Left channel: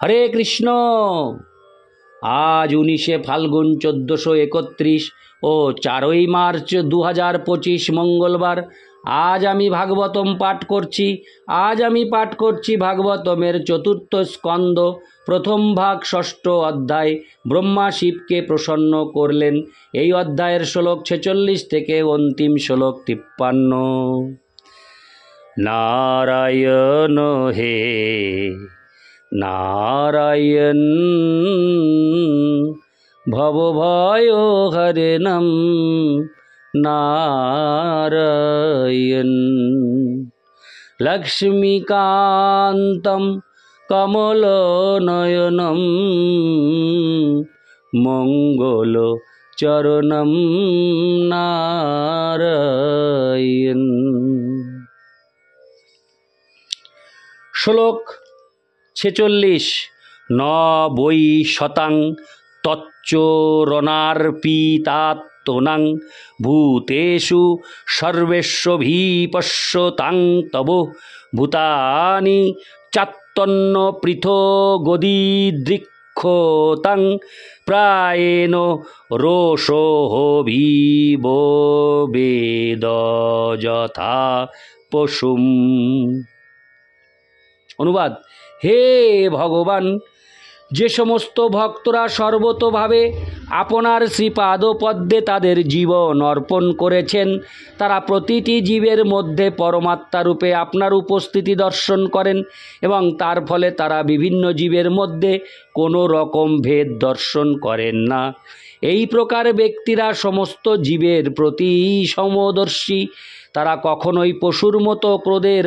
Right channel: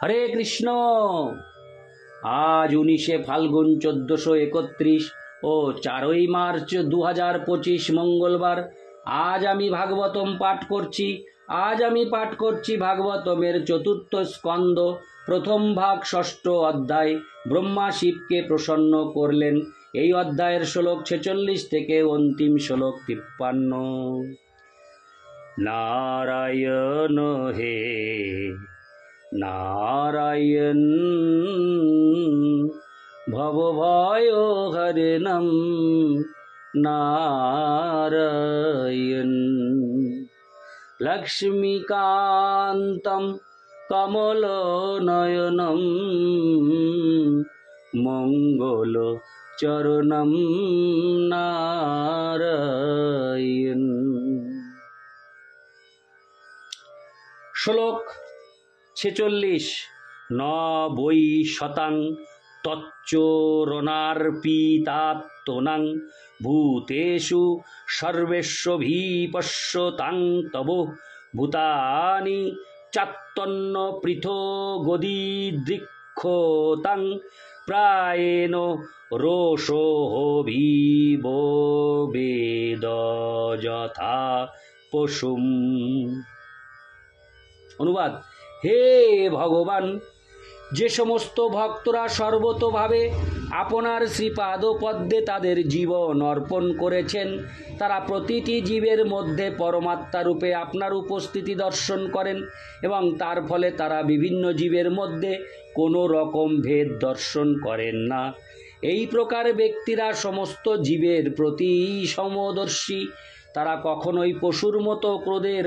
হরে কৃষ্ণ। আজ 19শে ফাল্গুন 1431 ও 4ই মার্চ 2025 মঙ্গলবার। আজ আমি ভাগবতম পাঠ করছি। ভাগবতমের চতুর্থ স্কন্দ, প্রথম ভাগ, ষষ্ঠ অধ্যায়। ব্রহ্মা শিবকে প্রসন্ন করলেন। এই অধ্যায়ের শ্লোক 46 থেকে অন্তিম শ্লোক 53। নারায়ণ হে নারায়ণ, ভবভয় হরেণম নারায়ণ, লক্ষ্মীকান্তম কমলনয়নম মঙ্গল চরণম নারায়ণ। শ্লোক 46। ন বৈ শতাং তচ্চরণার্পিতাত্মনাং ভূতেষু সর্বেষ্বভিপশ্যতাং তব ভূতানি চাত্তন্ন পৃথগদিদৃক্ষতাং প্রায়েণ রোষোভিবেদ যথা পশুম। অনুবাদ: হে ভগবান, যে সমস্ত ভক্তরা সর্বতোভাবে আপনার শ্রীপাদপদ্মে তাদের জীবন অর্পণ করেছেন, তারা প্রতিটি জীবের মধ্যে পরমাত্মারূপে আপনার উপস্থিতি দর্শন করেন এবং তার ফলে তারা বিভিন্ন জীবের মধ্যে কোনো রকম ভেদ দর্শন করেন না। এই প্রকার ব্যক্তিরা সমস্ত জীবের প্রতি সমদর্শী। তারা কখনোই পশুর মতো ক্রোধের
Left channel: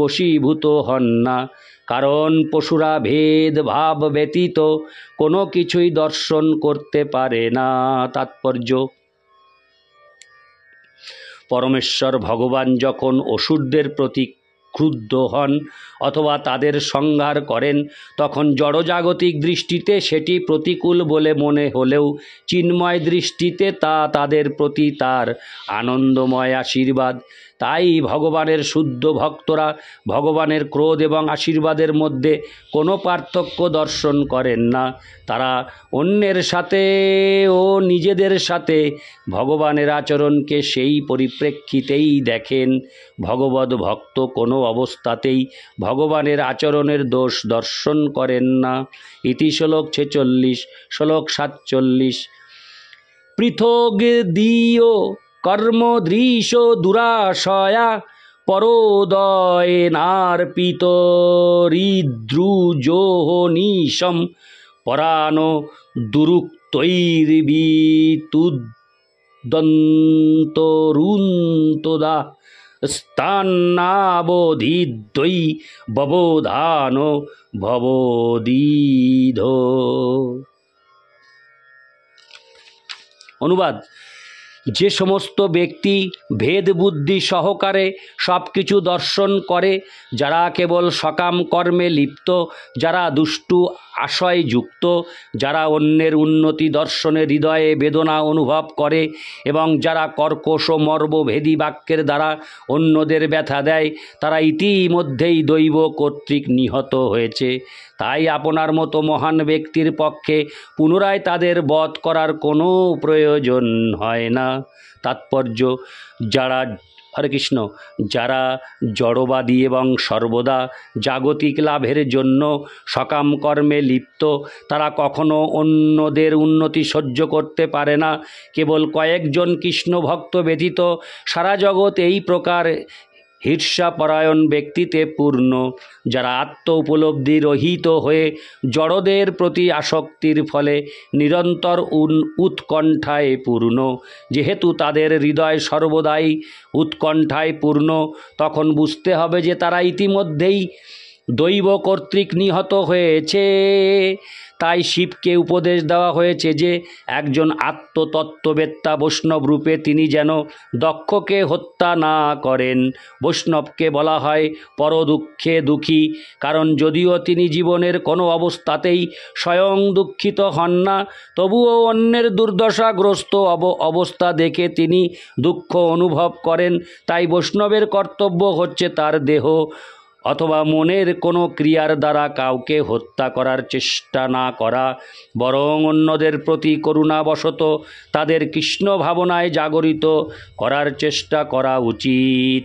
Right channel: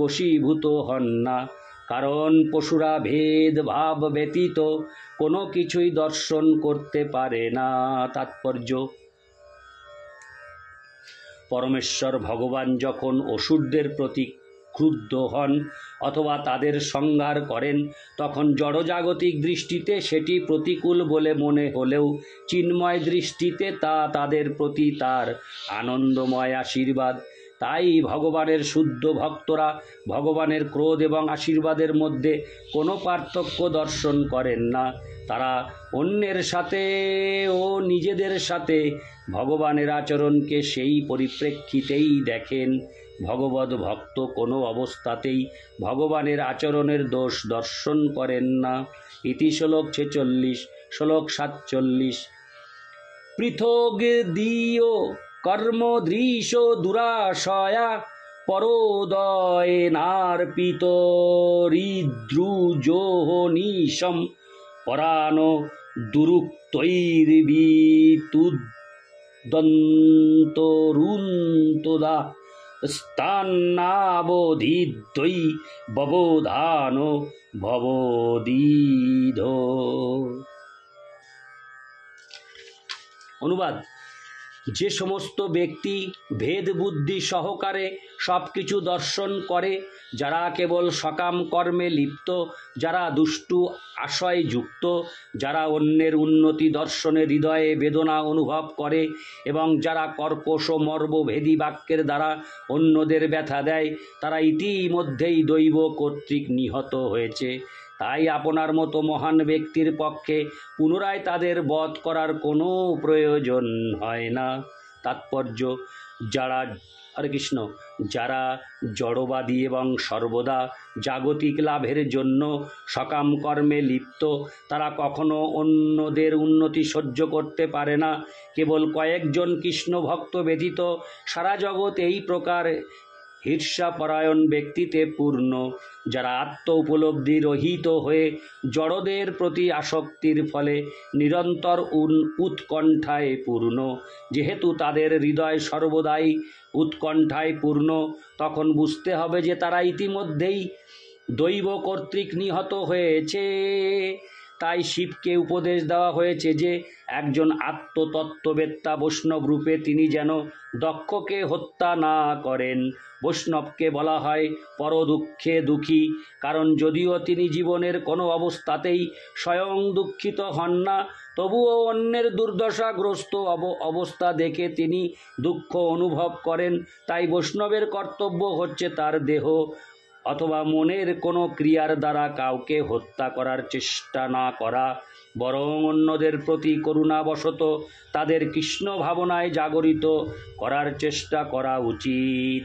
বশীভূত হন না, কারণ পশুরা ভেদভাব ব্যতীত কোনো কিছুই দর্শন করতে পারে না। তাৎপর্য: পরমেশ্বর ভগবান যখন অসুরদের প্রতি ক্রুদ্ধ হন অথবা তাদের সংহার করেন, তখন জড়জাগতিক দৃষ্টিতে সেটি প্রতিকূল বলে মনে হলেও চিন্ময় দৃষ্টিতে তা তাদের প্রতি তার আনন্দময় আশীর্বাদ। তাই ভগবানের শুদ্ধ ভক্তরা ভগবানের ক্রোধ এবং আশীর্বাদের মধ্যে কোনো পার্থক্য দর্শন করেন না। তারা অন্যের সাথে ও নিজেদের সাথে ভগবানের আচরণকে সেই পরিপ্রেক্ষিতেই দেখেন। ভগবদ ভক্ত কোনো অবস্থাতেই ভগবানের আচরণের দোষ দর্শন করেন না। ইতি শ্লোক 46। শ্লোক 47। পৃথগদীয় কর্মদৃশ দুরাশয়া পরোদয়নার্পিতরিদ্রুজোহনিশম পরানো দুরুক্তৈর্বিতুদন্তরুন্তদা স্থানাবধিদ্বৈ ববোধানো ভবদীধ। অনুবাদ: যে সমস্ত ব্যক্তি ভেদ বুদ্ধি সহকারে সব কিছু দর্শন করে, যারা কেবল সকাম কর্মে লিপ্ত, যারা দুষ্টু আশয়যুক্ত, যারা অন্যের উন্নতি দর্শনে হৃদয়ে বেদনা অনুভব করে এবং যারা কর্কশ মর্মভেদী বাক্যের দ্বারা অন্যদের ব্যথা দেয়, তারা ইতিমধ্যেই দৈব কর্তৃক নিহত হয়েছে। তাই আপনার মতো মহান ব্যক্তির পক্ষে পুনরায় তাদের বধ করার কোনো প্রয়োজন হয় না। তাৎপর্য: যারা জড়বাদী এবং সর্বদা জাগতিক লাভের জন্য সকাম কর্মে লিপ্ত, তারা কখনো অন্যদের উন্নতি সহ্য করতে পারে না। কেবল কয়েকজন কৃষ্ণ ভক্ত ব্যতীত সারা জগৎ এই প্রকার ঈর্ষাপরায়ণ ব্যক্তিতে পূর্ণ, যারা আত্ম উপলব্ধি রহিত হয়ে জড়দের প্রতি আসক্তির ফলে নিরন্তর উৎকণ্ঠায় পূর্ণ। যেহেতু তাদের হৃদয় সর্বদাই উৎকণ্ঠায় পূর্ণ, তখন বুঝতে হবে যে তারা ইতিমধ্যেই দৈব কর্তৃক নিহত হয়েছে। তাই শিবকে উপদেশ দেওয়া হয়েছে যে একজন আত্মতত্ত্ববেত্তা বৈষ্ণব রূপে তিনি যেন দক্ষকে হত্যা না করেন। বৈষ্ণবকে বলা হয় পরদুঃখে দুঃখী, কারণ যদিও তিনি জীবনের কোনো অবস্থাতেই স্বয়ং দুঃখিত হন না, তবুও অন্যের দুর্দশাগ্রস্ত অবস্থা দেখে তিনি দুঃখ অনুভব করেন। তাই বৈষ্ণবের কর্তব্য হচ্ছে তার দেহ অথবা মনের কোনো ক্রিয়ার দ্বারা কাউকে হত্যা করার চেষ্টা না করা, বরং অন্যদের প্রতি করুণাবশত তাদের কৃষ্ণ ভাবনায় জাগরিত করার চেষ্টা করা উচিত।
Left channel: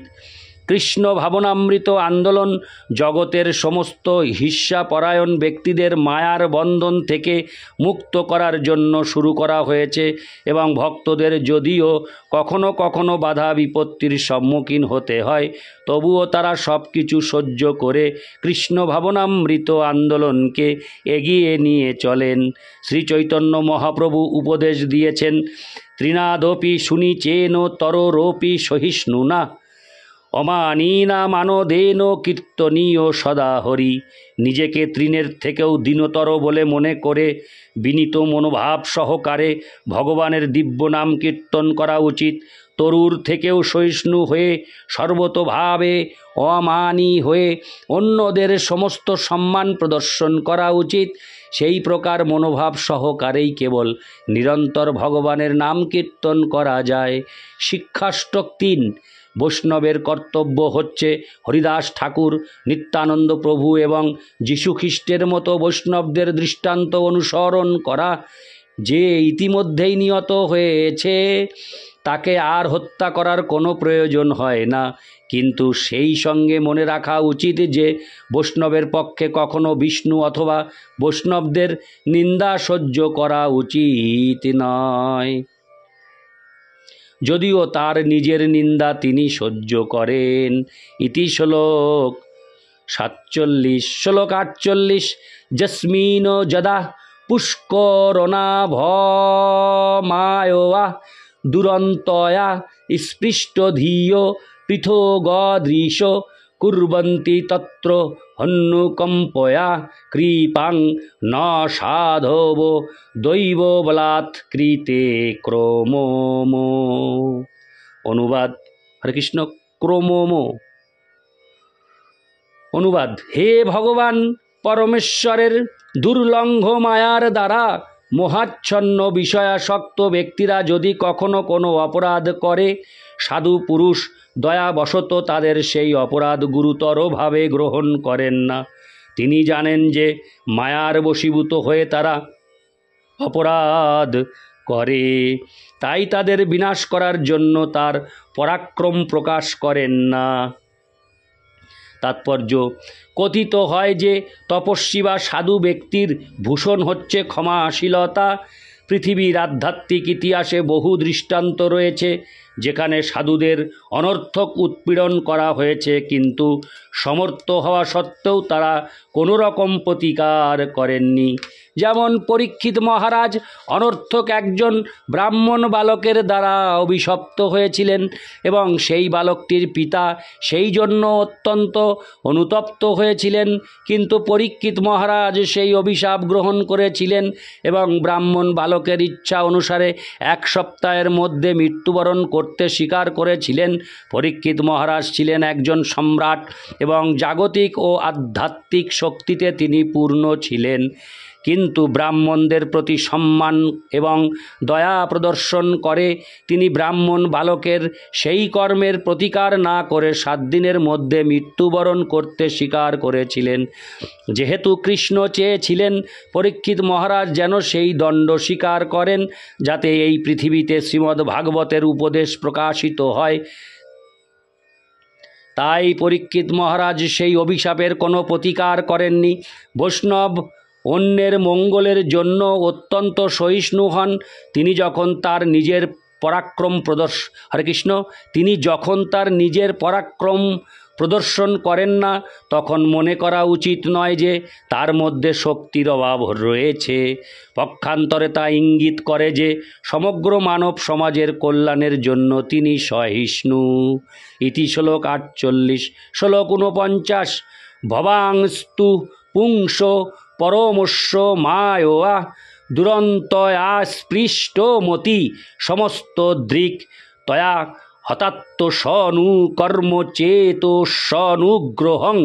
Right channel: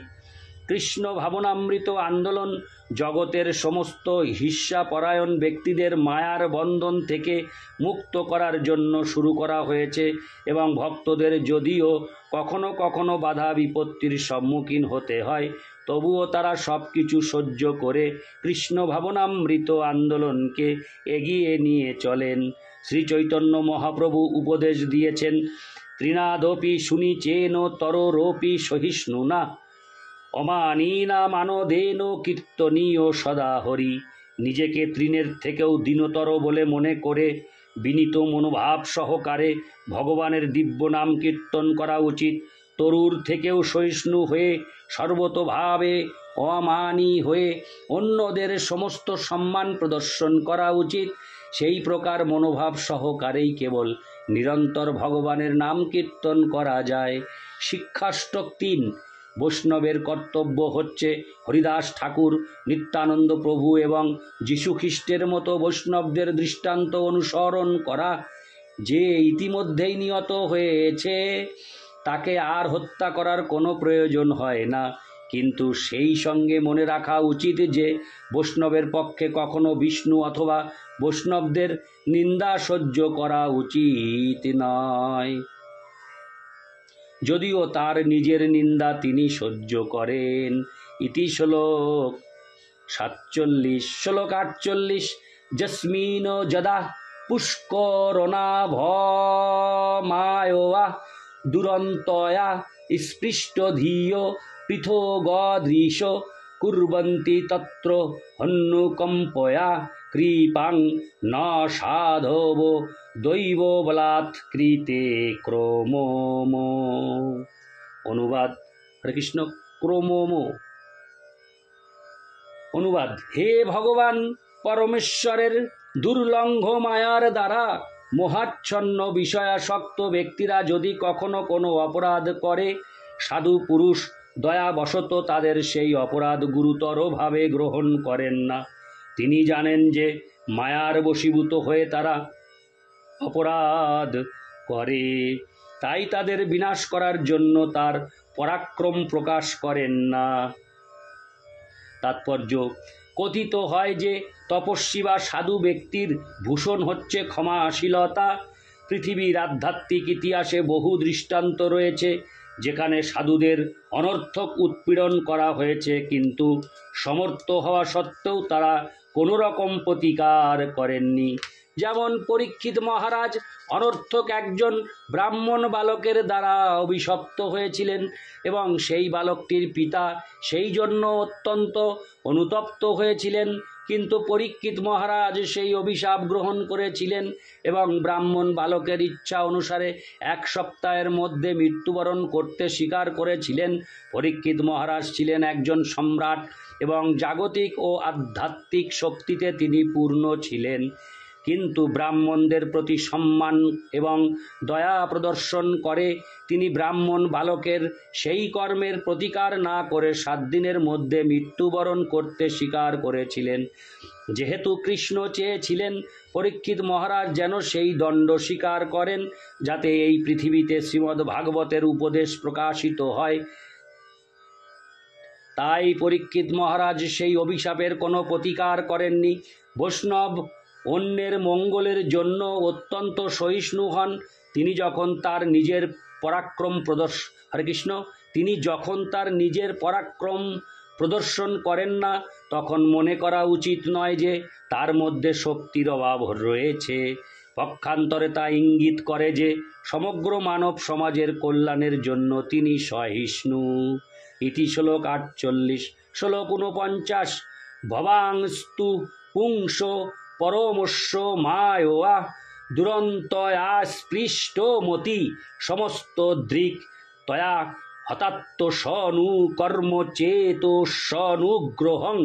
কৃষ্ণ ভাবনামৃত আন্দোলন জগতের সমস্ত হিংসাপরায়ণ ব্যক্তিদের মায়ার বন্ধন থেকে মুক্ত করার জন্য শুরু করা হয়েছে এবং ভক্তদের যদিও কখনো কখনো বাধা বিপত্তির সম্মুখীন হতে হয়, তবুও তারা সব কিছু সহ্য করে কৃষ্ণ ভাবনামৃত আন্দোলনকে এগিয়ে নিয়ে চলেন। শ্রী চৈতন্য মহাপ্রভু উপদেশ দিয়েছেন, ত্রিনাদপি শুনিচেন তরোরপি সহিষ্ণুনা অমানীনা মানদেন কীর্তনীয় সদা হরি। নিজেকে তৃণের থেকেও দীনতর বলে মনে করে বিনীত মনোভাব সহকারে ভগবানের দিব্য নাম কীর্তন করা উচিত। তরুর থেকেও সহিষ্ণু হয়ে সর্বতোভাবে অমানী হয়ে অন্যদের সমস্ত সম্মান প্রদর্শন করা উচিত। সেই প্রকার মনোভাব সহকারেই কেবল নিরন্তর ভগবানের নাম কীর্তন করা যায়। শিক্ষাষ্টক ৩। বৈষ্ণবের কর্তব্য হচ্ছে হরিদাস ঠাকুর, নিত্যানন্দ প্রভু এবং যীশুখ্রিস্টের মতো বৈষ্ণবদের দৃষ্টান্ত অনুসরণ করা। যে ইতিমধ্যেই নিহত হয়েছে তাকে আর হত্যা করার কোনো প্রয়োজন হয় না, কিন্তু সেই সঙ্গে মনে রাখা উচিত যে বৈষ্ণবের পক্ষে কখনো বিষ্ণু অথবা বৈষ্ণবদের নিন্দা সহ্য করা উচিত নয়, যদিও তার নিজের নিন্দা তিনি সহ্য করেন। ইতি শ্লোক 47। শ্লোক 48। যস্মিন যদা পুষ্করণাভমায়োয়া দুরন্তয়া স্পৃষ্টধিয় পৃথগদৃশ কুর্বন্তি তত্র হন্যুকম্পয়া কৃপাং ন সাধব দৈব বলাৎ কৃতে ক্রমোমো। অনুবাদ, হরে কৃষ্ণ। ক্রমোমো অনুবাদ, হে ভগবান পরমেশ্বরের দুর্লঙ্ঘ মায়ার দ্বারা মোহাচ্ছন্ন বিষয়াসক্ত ব্যক্তিরা যদি কখনো কোনো অপরাধ করে, সাধু পুরুষ দয়াবশত তাদের সেই অপরাধ গুরুতরভাবে গ্রহণ করেন না। তিনি জানেন যে মায়ার বশীভূত হয়ে তারা অপরাধ করে, তাই তাদের বিনাশ করার জন্য তার পরাক্রম প্রকাশ করেন না। তাৎপর্য, কথিত হয় যে তপস্বী বা সাধু ব্যক্তির ভূষণ হচ্ছে ক্ষমাশীলতা। পৃথিবীর আধ্যাত্মিক ইতিহাসে বহু দৃষ্টান্ত রয়েছে যেখানে সাধুদের অনর্থক উৎপীড়ন করা হয়েছে, কিন্তু সমর্থ হওয়া সত্ত্বেও তারা কোনো রকম প্রতিকার করেননি। যেমন পরীক্ষিত মহারাজ অনর্থক একজন ব্রাহ্মণ বালকের দ্বারা অভিশপ্ত হয়েছিলেন এবং সেই বালকটির পিতা সেই জন্য অত্যন্ত অনুতপ্ত হয়েছিলেন, কিন্তু পরীক্ষিত মহারাজ সেই অভিশাপ গ্রহণ করেছিলেন এবং ব্রাহ্মণ বালকের ইচ্ছা অনুসারে 1 সপ্তাহের মধ্যে মৃত্যুবরণ করতে স্বীকার করেছিলেন। পরীক্ষিত মহারাজ ছিলেন একজন সম্রাট এবং জাগতিক ও আধ্যাত্মিক শক্তিতে তিনি পূর্ণ ছিলেন, কিন্তু ব্রাহ্মণদের প্রতি সম্মান এবং দয়া প্রদর্শন করে তিনি ব্রাহ্মণ বালকের সেই কর্মের প্রতিকার না করে 7 দিনের মধ্যে মৃত্যুবরণ করতে স্বীকার করেছিলেন। যেহেতু কৃষ্ণ চেয়েছিলেন পরীক্ষিত মহারাজ যেন সেই দণ্ড স্বীকার করেন যাতে এই পৃথিবীতে শ্রীমদ্ ভাগবতের উপদেশ প্রকাশিত হয়, তাই পরীক্ষিত মহারাজ সেই অভিশাপের কোনো প্রতিকার করেননি। বৈষ্ণব অন্যের মঙ্গলের জন্য অত্যন্ত সহিষ্ণু হন। তিনি যখন তার নিজের পরাক্রম প্রদর্শন করেন না, তখন মনে করা উচিত নয় যে তার মধ্যে শক্তির অভাব রয়েছে। পক্ষান্তরে তা ইঙ্গিত করে যে সমগ্র মানব সমাজের কল্যাণের জন্য তিনি সহিষ্ণু। ইতি শ্লোক 48। শ্লোক 49। ভবাংস্তু পুংস পরমস্য মায়োয়া দুরন্তয়া স্পৃষ্টমতি সমস্ত দৃক তয়া হতাত্ম সনু কর্ম চেতো সনুগ্রহং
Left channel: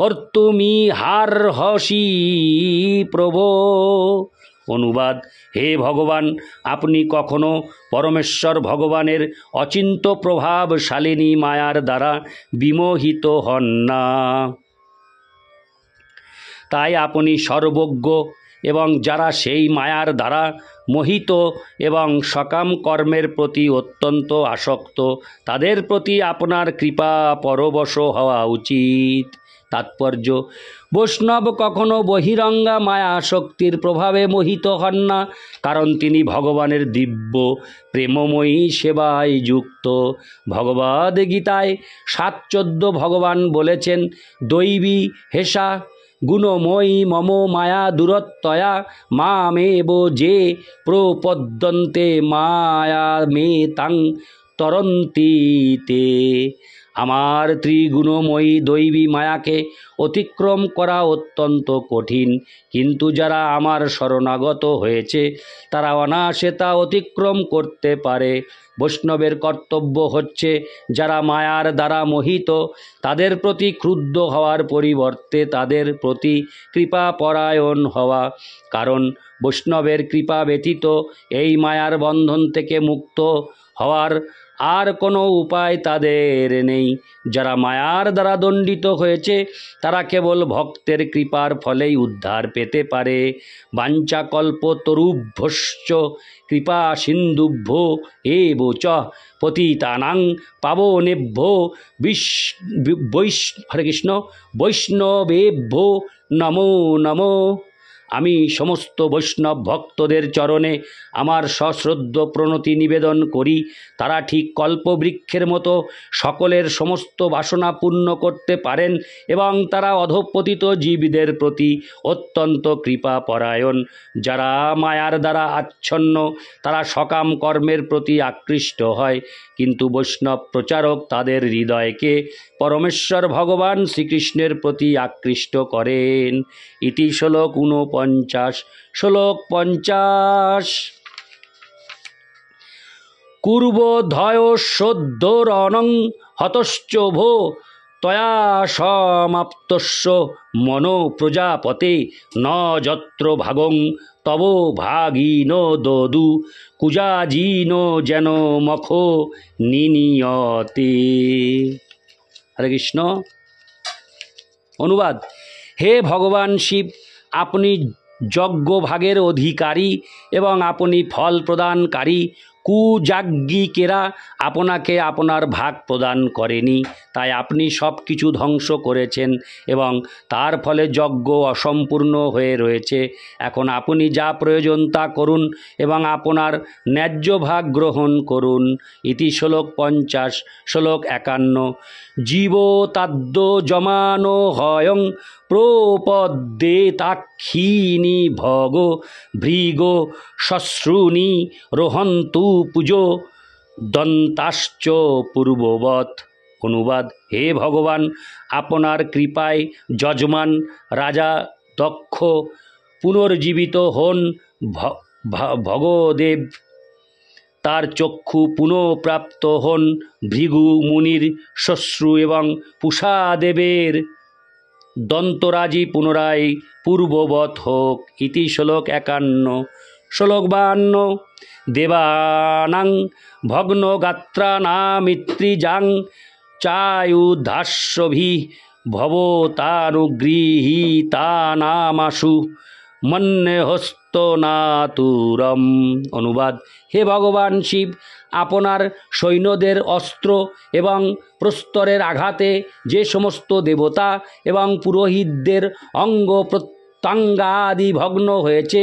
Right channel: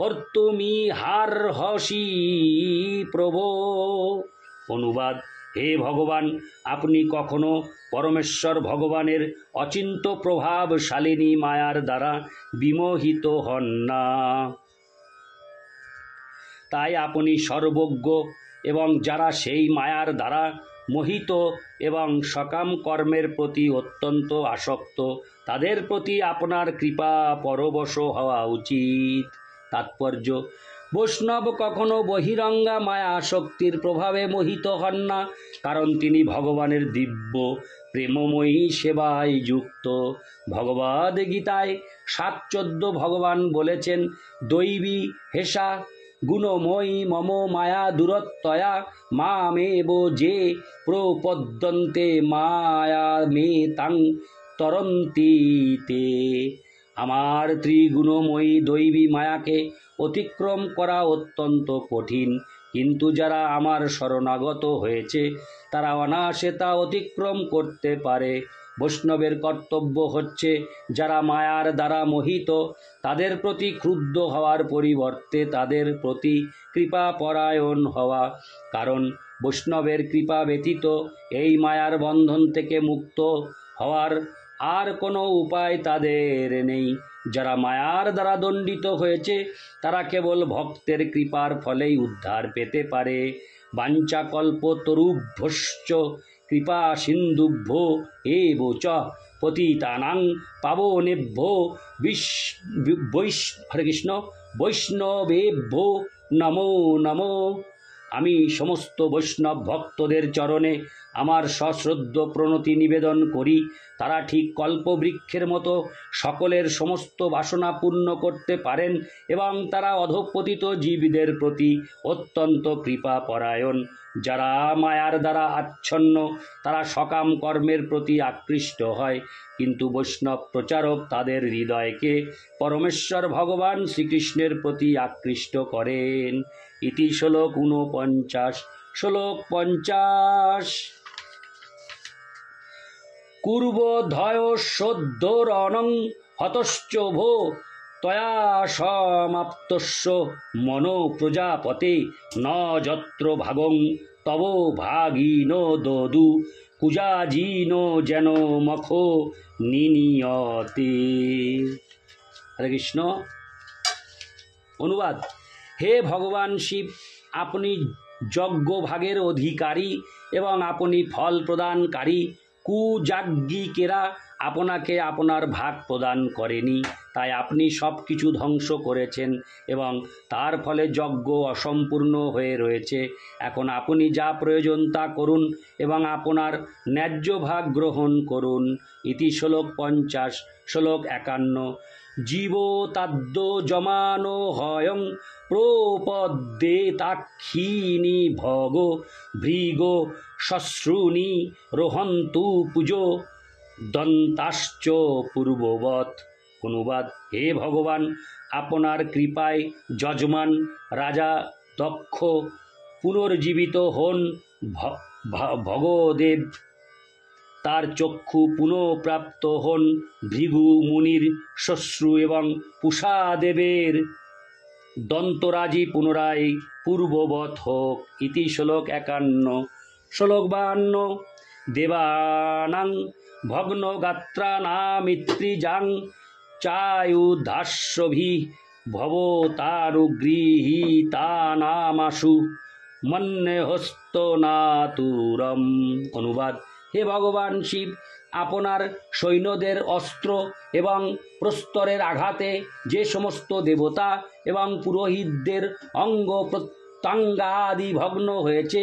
কর্তুমিহার্হসি প্রভো। অনুবাদ, হে ভগবান, আপনি কখনো পরমেশ্বর ভগবানের অচিন্ত্য প্রভাবশালিনী মায়ার দ্বারা বিমোহিত হন না। তাই আপনি সর্বজ্ঞ, এবং যারা সেই মায়ার দ্বারা মোহিত এবং সকাম কর্মের প্রতি অত্যন্ত আসক্ত, তাদের প্রতি আপনার কৃপা পরবশ হওয়া উচিত। তাৎপর্য: বৈষ্ণব কখনো বহিরঙ্গা মায়া শক্তির প্রভাবে মোহিত হন না, কারণ তিনি ভগবানের দিব্য প্রেমময়ী সেবায় যুক্ত। ভগবদ্ গীতায় 7:14 ভগবান বলেছেন, দৈবী হেষা গুণময়ী মম মায়া দূরত্বয়া মামেব যে প্রপদ্যন্তে মায়া মে তাং তরন্তীতে। আমার ত্রিগুণময়ী দৈবী মায়াকে অতিক্রম করা অত্যন্ত কঠিন, কিন্তু যারা আমার শরণাগত হয়েছে তারা অনায়াসে তা অতিক্রম করতে পারে। বৈষ্ণবের কর্তব্য হচ্ছে যারা মায়ার দ্বারা মোহিত তাদের প্রতি ক্রুদ্ধ হওয়ার পরিবর্তে তাদের প্রতি কৃপাপরায়ণ হওয়া, কারণ বৈষ্ণবের কৃপা ব্যতীত এই মায়ার বন্ধন থেকে মুক্ত হওয়ার আর কোনো উপায় তাদের নেই। যারা মায়ার দ্বারা দণ্ডিত হয়েছে তারা কেবল ভক্তের কৃপার ফলেই উদ্ধার পেতে পারে। বাঞ্ছাকল্পতরুভ্যশ্চ কৃপা সিন্ধুভ্যো এব চ পতিতানাং পাবনেভ্যো হরে কৃষ্ণ বৈষ্ণবেভ্যো নমো নমো। আমি সমস্ত বৈষ্ণব ভক্তদের চরণে আমার সশ্রদ্ধ প্রণতি নিবেদন করি। তারা ঠিক কল্পবৃক্ষের মতো সকলের সমস্ত বাসনা পূর্ণ করতে পারেন এবং তারা অধঃপতিত জীবদের প্রতি অত্যন্ত কৃপাপরায়ণ। যারা মায়ার দ্বারা আচ্ছন্ন তারা সকাম কর্মের প্রতি আকৃষ্ট হয়, কিন্তু বৈষ্ণব প্রচারক তাদের হৃদয়কে পরমেশ্বর ভগবান শ্রীকৃষ্ণের প্রতি আকৃষ্ট করেন। ইতি শ্লোক 49। শ্লোক 50। কুর্বোদ্ধয়োঃসোদ্ধরণং হতশ্চ ভো তয়া সমাপ্তস্য মনো প্রজাপতে ন যত্র ভাগং তব ভাগিন দদু কুজাজিন যেন মখো নিনিয়তে। হরে কৃষ্ণ। অনুবাদ: হে ভগবান শিব, আপনি যজ্ঞভাগের অধিকারী এবং আপনি ফল প্রদানকারী। কুযাজ্ঞিকেরা আপনাকে আপনার ভাগ প্রদান করেনি, তাই আপনি সব কিছু ধ্বংস করেছেন এবং তার ফলে যজ্ঞ অসম্পূর্ণ হয়ে রয়েছে। এখন আপনি যা প্রয়োজন তা করুন এবং আপনার ন্যায্য ভাগ গ্রহণ করুন। ইতি শ্লোক 50। শ্লোক 51। জীবতাদ্য জমানো হয়ং প্রপদ্যেতাক্ষীণি ভগ ভৃগ শ্মশ্রুনি রোহন্তু পুজো দন্তাশ্চ পূর্ববৎ। অনুবাদ: হে ভগবান, আপনার কৃপায় যজমান রাজা দক্ষ পুনর্জীবিত হন। ভগদেব তার চক্ষু পুনঃপ্রাপ্ত হন। ভৃগু মুনির শ্মশ্রু এবং পূষাদেবের দন্তরাজি পুনরায় পূর্ববৎ হোক। ইতি শ্লোক 51। শ্লোক 52। দেবানাং ভগ্নগাত্রানামিত্রিজাং চায়ুধাস্যভিঃ ভবতানুগৃহীতানামাশু মন্যহস্তনাতুরম। অনুবাদ: হে ভগবান শিব, আপনার সৈন্যদের অস্ত্র এবং প্রস্তরের আঘাতে যে সমস্ত দেবতা এবং পুরোহিতদের অঙ্গ প্রত্যঙ্গাদি ভগ্ন হয়েছে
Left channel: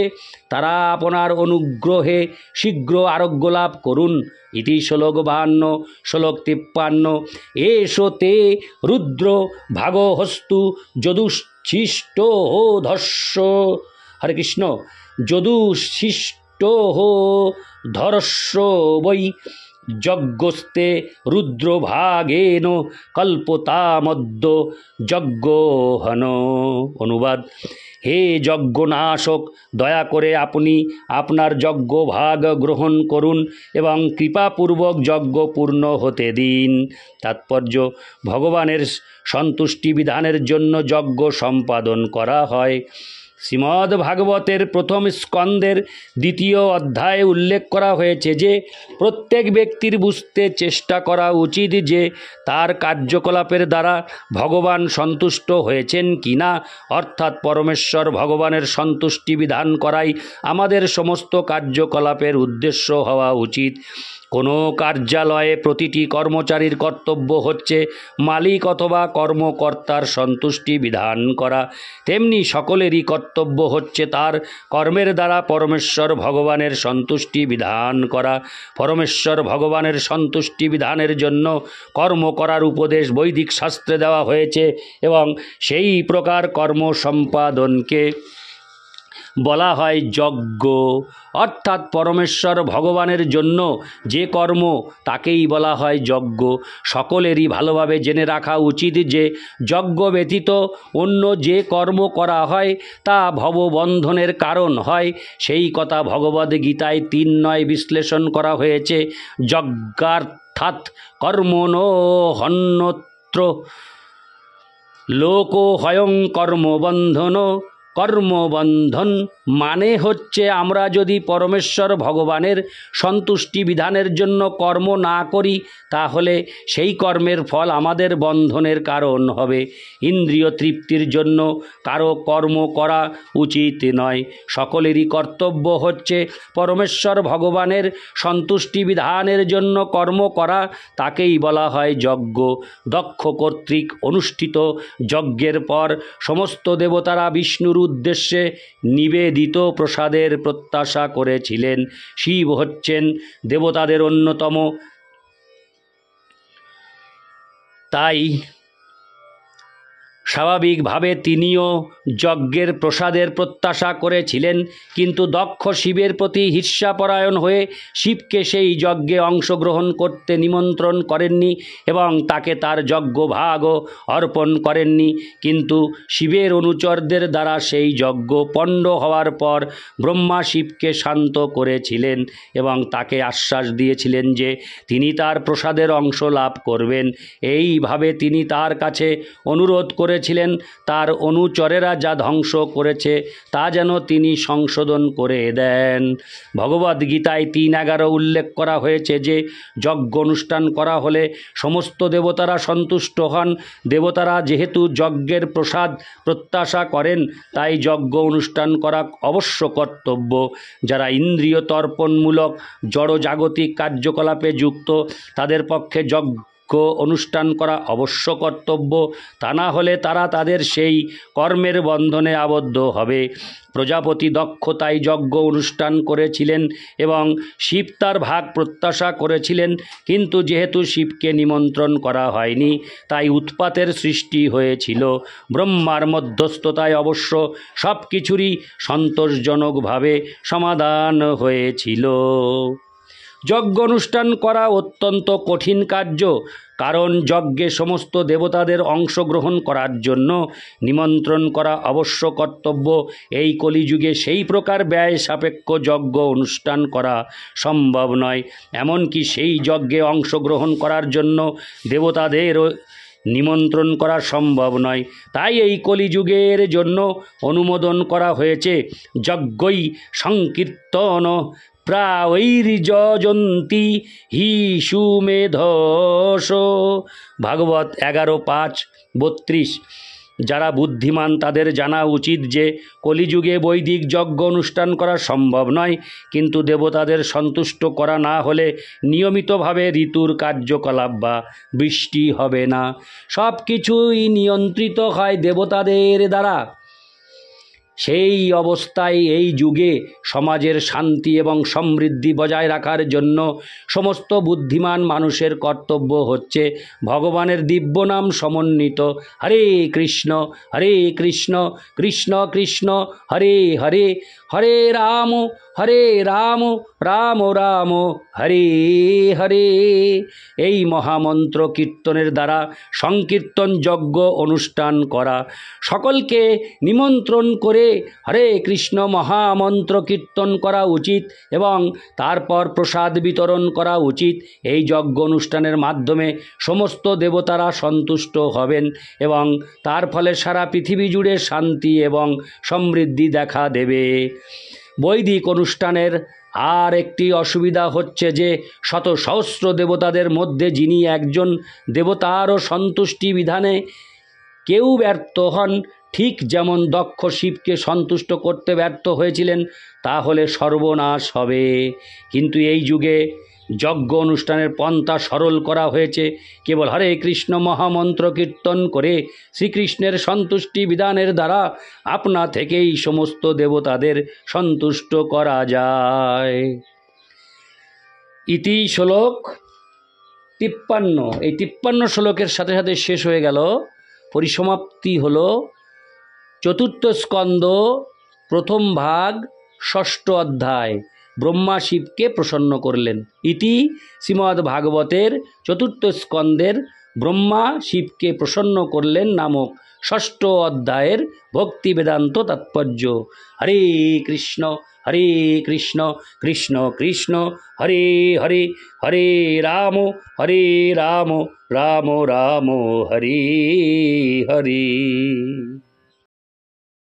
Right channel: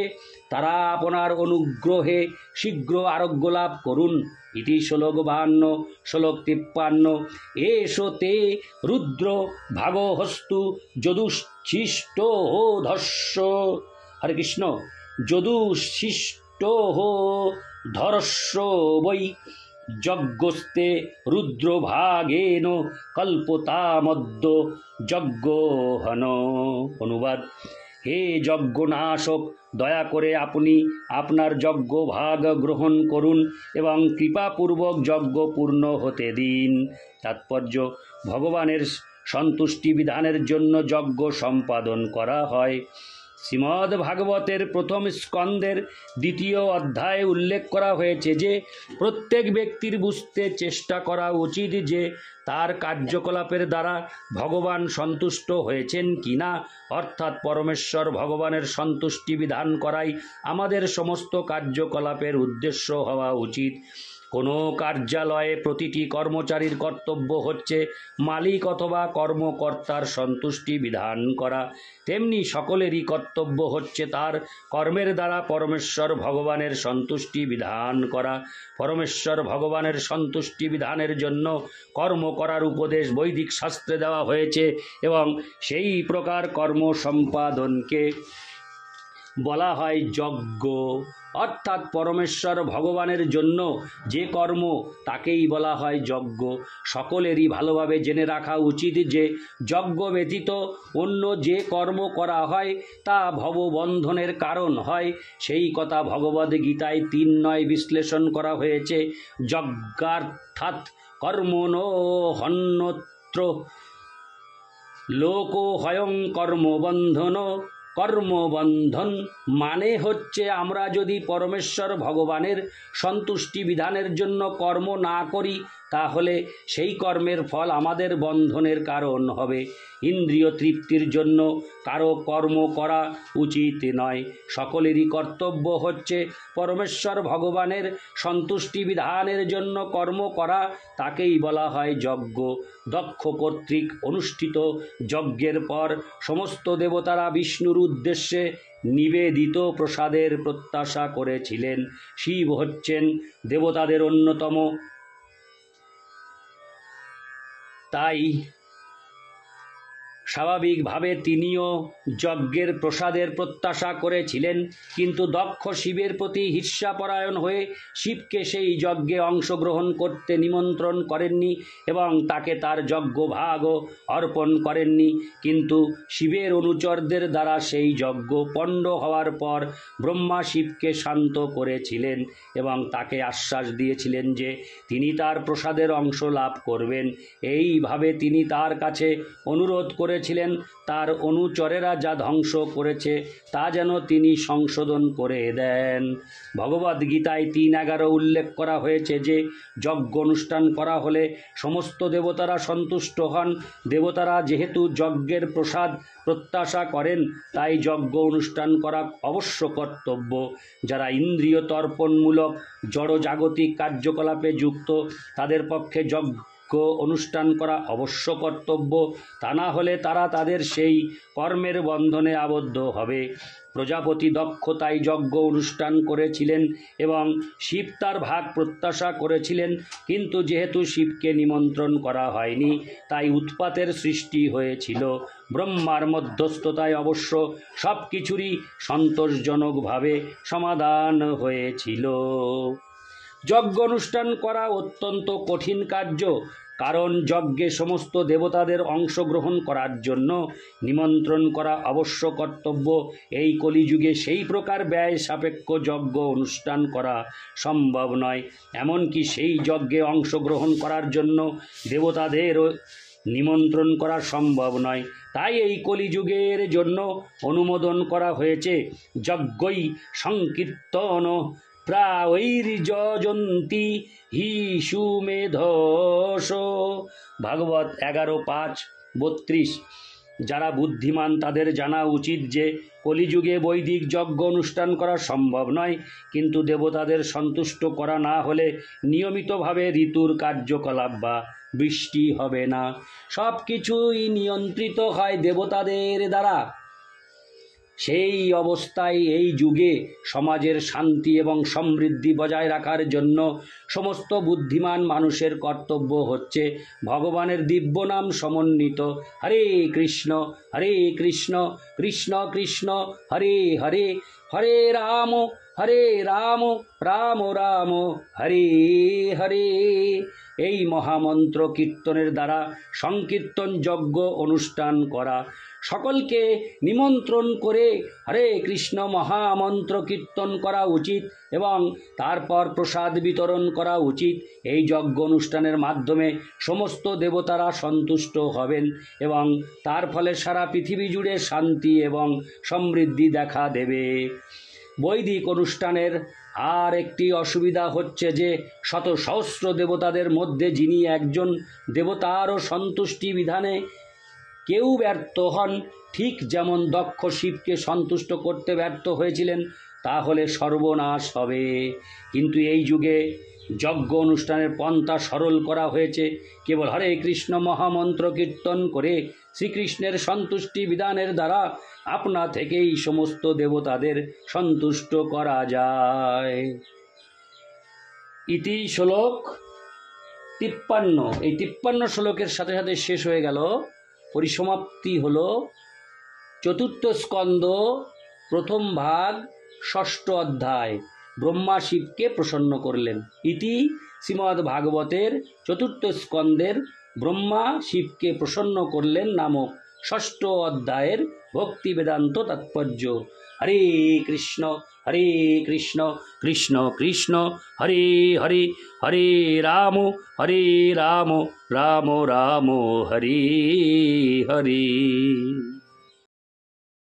তারা আপনার অনুগ্রহে শীঘ্র আরোগ্য লাভ করুন। ইতি শ্লোক 52। শ্লোক 53। এষো তে রুদ্র ভাগহস্তু যদুশিষ্ট হো ধস্য। হরে কৃষ্ণ। যদুশিষ্ট হো ধরস্য বৈ যজ্ঞস্তে রুদ্রভাগেন কল্পতামদ্য যজ্ঞহন। অনুবাদ: হে যজ্ঞনাশক, দয়া করে আপনি আপনার যজ্ঞভাগ গ্রহণ করুন এবং কৃপাপূর্বক যজ্ঞ পূর্ণ হতে দিন। তাৎপর্য: ভগবানের সন্তুষ্টি বিধানের জন্য যজ্ঞ সম্পাদন করা হয়। শ্রীমদ্ ভাগবতের প্রথম স্কন্দের দ্বিতীয় অধ্যায়ে উল্লেখ করা হয়েছে যে প্রত্যেক ব্যক্তির বুঝতে চেষ্টা করা উচিত যে তার কার্যকলাপের দ্বারা ভগবান সন্তুষ্ট হয়েছেন কিনা, অর্থাৎ পরমেশ্বর ভগবানের সন্তুষ্টি বিধান করাই আমাদের সমস্ত কার্যকলাপের উদ্দেশ্য হওয়া উচিত। কোনো কার্যালয়ে প্রতিটি কর্মচারীর কর্তব্য হচ্ছে মালিক অথবা কর্মকর্তার সন্তুষ্টি বিধান করা, তেমনি সকলেরই কর্তব্য হচ্ছে তার কর্মের দ্বারা পরমেশ্বর ভগবানের সন্তুষ্টি বিধান করা। পরমেশ্বর ভগবানের সন্তুষ্টি বিধানের জন্য কর্ম করার উপদেশ বৈদিক শাস্ত্রে দেওয়া হয়েছে এবং সেই প্রকার কর্ম সম্পাদনকে বলা হয় যজ্ঞ, অর্থাৎ পরমেশ্বর ভগবানের জন্য যে কর্ম তাকেই বলা হয় যজ্ঞ। সকলেরই ভালোভাবে জেনে রাখা উচিত যে যজ্ঞ ব্যতীত অন্য যে কর্ম করা হয় তা ভববন্ধনের কারণ হয়। সেই কথা ভগবদ্গীতায় 3:9 বিশ্লেষণ করা হয়েছে। যজ্ঞার্থাৎ কর্মণো হন্যত্র লোকো হয়ং কর্মবন্ধন। কর্মবন্ধন মানে হচ্ছে আমরা যদি পরমেশ্বর ভগবানের সন্তুষ্টি বিধানের জন্য কর্ম না করি তাহলে সেই কর্মের ফল আমাদের বন্ধনের কারণ হবে। ইন্দ্রিয় তৃপ্তির জন্য কারো কর্ম করা উচিত নয়। সকলেরই কর্তব্য হচ্ছে পরমেশ্বর ভগবানের সন্তুষ্টি বিধানের জন্য কর্ম করা, তাকেই বলা হয় যজ্ঞ। দক্ষ কর্তৃক অনুষ্ঠিত যজ্ঞের পর সমস্ত দেবতারা বিষ্ণুর উদ্দেশ্যে নিবেদিত প্রসাদের প্রত্যাশা করেছিলেন। শিব হচ্ছেন দেবতাদের অন্যতম, তাই স্বাভাবিকভাবে তিনিও যজ্ঞের প্রসাদের প্রত্যাশা করেছিলেন, কিন্তু দক্ষ শিবের প্রতি ঈর্ষাপরায়ণ হয়ে শিবকে সেই যজ্ঞে অংশগ্রহণ করতে নিমন্ত্রণ করেননি এবং তাকে তার যজ্ঞভাগও অর্পণ করেননি। কিন্তু শিবের অনুচরদের দ্বারা সেই যজ্ঞ পণ্ড হওয়ার পর ব্রহ্মা শিবকে শান্ত করেছিলেন এবং তাকে আশ্বাস দিয়েছিলেন যে তিনি তার প্রসাদের অংশ লাভ করবেন। এইভাবে তিনি তার কাছে অনুরোধ করেছিলেন তার অনুচরেরা যা ধ্বংস করেছে তা যেন তিনি সংশোধন করে দেন। ভগবদ্গীতায় 3:11 উল্লেখ করা হয়েছে যে যজ্ঞ অনুষ্ঠান করা হলে সমস্ত দেবতারা সন্তুষ্ট হন। দেবতারা যেহেতু যজ্ঞের প্রসাদ প্রত্যাশা করেন তাই যজ্ঞ অনুষ্ঠান করা অবশ্য কর্তব্য। যারা ইন্দ্রিয় তর্পণমূলক জড়জাগতিক কার্যকলাপে যুক্ত তাদের পক্ষে যজ্ঞ অনুষ্ঠান করা অবশ্য কর্তব্য, তা না হলে তারা তাদের সেই কর্মের বন্ধনে আবদ্ধ হবে। প্রজাপতি দক্ষতায় যজ্ঞ অনুষ্ঠান করেছিলেন এবং শিব তার ভাগ প্রত্যাশা করেছিলেন, কিন্তু যেহেতু শিবকে নিমন্ত্রণ করা হয়নি তাই উৎপাতের সৃষ্টি হয়েছিল। ব্রহ্মার মধ্যস্থতায় অবশ্য সব কিছুরই সন্তোষজনকভাবে সমাধান হয়েছিল। যজ্ঞ অনুষ্ঠান করা অত্যন্ত কঠিন কার্য, কারণ যজ্ঞে সমস্ত দেবতাদের অংশগ্রহণ করার জন্য নিমন্ত্রণ করা অবশ্য কর্তব্য। এই কলিযুগে সেই প্রকার ব্যয় সাপেক্ষ যজ্ঞ অনুষ্ঠান করা সম্ভব নয়। এমনকি সেই যজ্ঞে অংশগ্রহণ করার জন্য দেবতাদেরও নিমন্ত্রণ করা সম্ভব নয়। তাই এই কলিযুগের জন্য অনুমোদন করা হয়েছে যজ্ঞই সংকীর্তন প্রায়ৈর্যজন্তি হি সুমেধস। ভাগবত 11:5-32। যারা বুদ্ধিমান তাদের জানা উচিত যে কলিযুগে বৈদিক যজ্ঞ অনুষ্ঠান করা সম্ভব নয়, কিন্তু দেবতাদের সন্তুষ্ট করা না হলে নিয়মিতভাবে ঋতুর কার্যকলাপ বা বৃষ্টি হবে না। সব কিছুই নিয়ন্ত্রিত হয় দেবতাদের দ্বারা। সেই অবস্থায় এই যুগে সমাজের শান্তি এবং সমৃদ্ধি বজায় রাখার জন্য সমস্ত বুদ্ধিমান মানুষের কর্তব্য হচ্ছে ভগবানের দিব্য নাম সমন্বিত হরে কৃষ্ণ কৃষ্ণ কৃষ্ণ হরে হরে হরে রাম রাম রাম হরে হরে। এই মহামন্ত্র কীর্তনের দ্বারা সংকীর্তন যজ্ঞ অনুষ্ঠান করা, সকলকে নিমন্ত্রণ করে হরে কৃষ্ণ মহামন্ত্র কীর্তন করা উচিত এবং তারপর প্রসাদ বিতরণ করা উচিত। এই যজ্ঞ অনুষ্ঠানের মাধ্যমে সমস্ত দেবতারা সন্তুষ্ট হবেন এবং তার ফলে সারা পৃথিবী জুড়ে শান্তি এবং সমৃদ্ধি দেখা দেবে। বৈদিক অনুষ্ঠানের আর একটি অসুবিধা হচ্ছে যে শত সহস্র দেবতাদের মধ্যে যিনি একজন দেবতারও সন্তুষ্টি বিধানে কেউ ব্যর্থ হন, ঠিক যেমন দক্ষ শিবকে সন্তুষ্ট করতে ব্যর্থ হয়েছিলেন, তাহলে সর্বনাশ হবে। কিন্তু এই যুগে যজ্ঞ অনুষ্ঠানের পন্থা সরল করা হয়েছে। কেবল হরে কৃষ্ণ মহামন্ত্র কীর্তন করে শ্রীকৃষ্ণের সন্তুষ্টি বিধানের দ্বারা আপনা থেকেই সমস্ত দেবতাদের সন্তুষ্ট করা যায়। ইতি শ্লোক 53। এই 53 শ্লোকের সাথে সাথে শেষ হয়ে গেল। পরিসমাপ্তি হল চতুর্থ স্কন্দ প্রথম ভাগ 6ষ্ঠ অধ্যায়। ব্রহ্মা শিবকে প্রসন্ন করলেন। ইতি শ্রীমদ্ ভাগবতের চতুর্থ স্কন্দের ব্রহ্মা শিবকে প্রসন্ন করলেন নামক 6ষ্ঠ অধ্যায়ের ভক্তি বেদান্ত তাৎপর্য। হরে কৃষ্ণ কৃষ্ণ কৃষ্ণ হরে হরে, হরে রাম রাম রাম হরে হরে।